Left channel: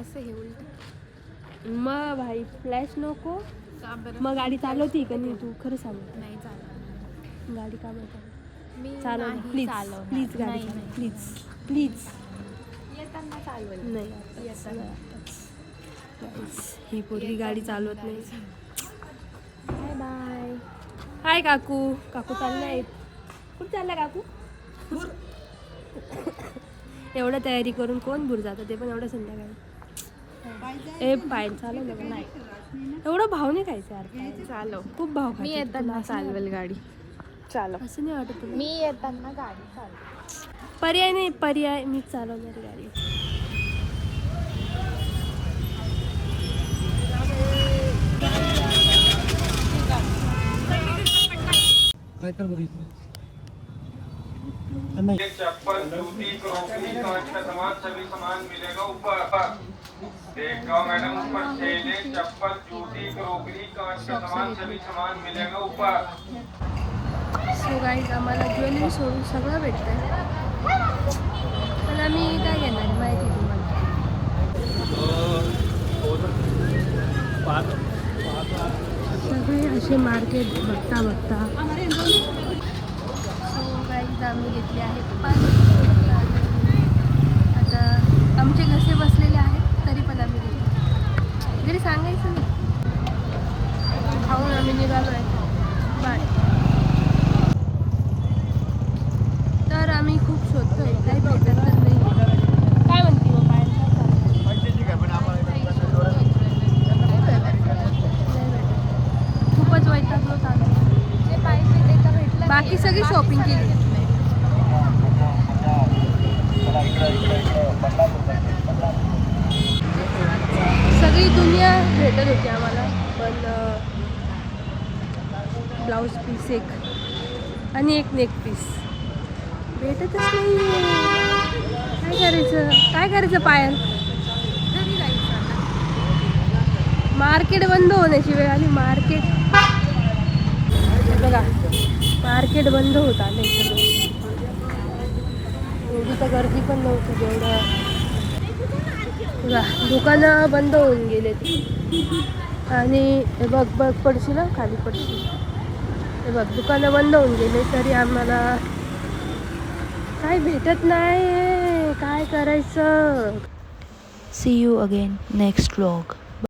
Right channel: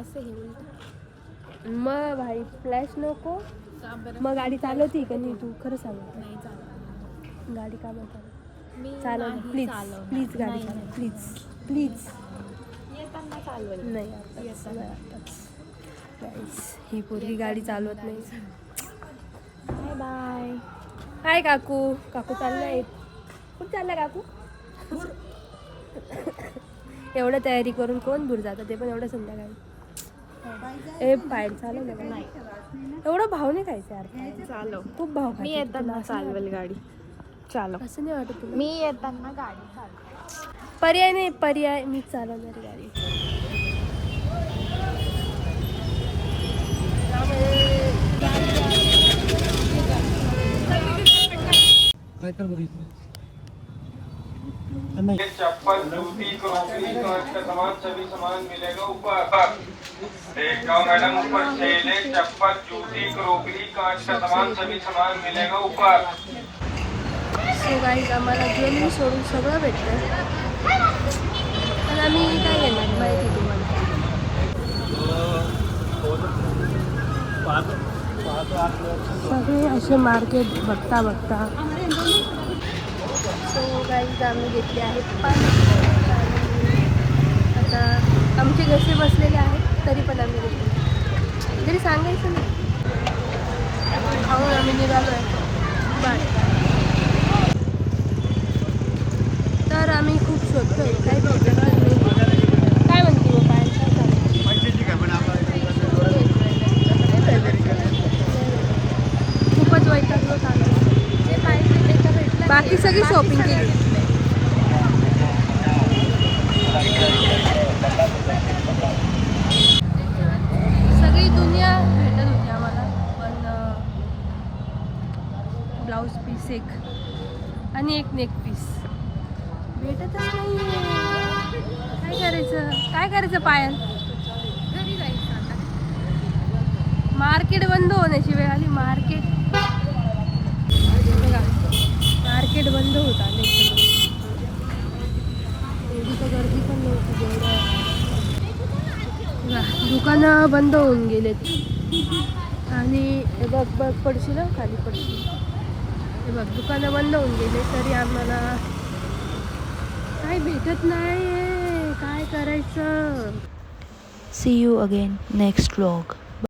असं हे उलट मग भाई फ्लॅश नको. का बरं? मग गाडी चालवती का नाही तू? खरं सांग. नाही चालवणार गाडी का बरं मी चालव नाही प्लीज चालवणार. प्लीज गाडी नाही, चालव नाही. Please please. येताना चालवेल. नाही आताच येताना. नाही आताच. गाईस ही पोरगी गाडी चालवत नाही. Bye bye. हाय काकू. काकू चाललाय. कुठं चालला काकू? एवढं तयारी करून कोण दूर जातं ते पण एवढं संध्याकाळी. ए पायल चालव ना नाही. एवढं भाव नाही खायचं यार. पायल चालव. खूप भाव मी खायचं. येताना चालवेल गाडी. चालव. असं नाही वाटत तुला? मी येताना गाडी. पर्याय नाही. पर्याय मी चालवणारी गाडी. चप्पल जूती क्रॉकरी कांच का सामान सभी सामान मिलेगा ऊपर। देख जाओ मैडम ऊपर सेल है। चप्पल जूती क्रॉकरी कांच का सामान सभी सामान मिलेगा ऊपर। सो गाईज आम्हाला ज्वेलरी सोडून सगळं भेटतंय. पण आम्ही काय घेणार माहिती तुम्हाला. सगळे असे मार्केट बघता बघता. सो गाईज आम्ही घेतले आहेत पान. आणि आता आमचे घरचे बसलेले आहेत तरी पण आम्ही घेतले. घरी सांगायचं ना. खाऊन आम्ही निघालो आहे. बाय. तर आम्ही खूप शोधतोय काही भेटत नाही. काय म्हणते मग पायल? काय खूपच वैतागलो चालू. बाकी सगळी शॉपिंग केली. सगळी दुनिया भेटत होती आम्हाला पण ब्लाऊज पीस एक आणि एक नेक पीस भेटतच नाही. काय करायचं पायल? मार्केट बंद होण्याची वेळ आली. मार्केट बघा मार्केट बंद होत आले. एवढी तर गर्दी पण नव्हती जेवढं. दुकानं बंद होऊन गेलेत. आणि हे बघ बघ पडशील ना खाली पडशील. हे बघ दुकानं बंद होऊन गेले तरी आम्हाला काय भेटत नाही. काय करायचं? See you again next vlog.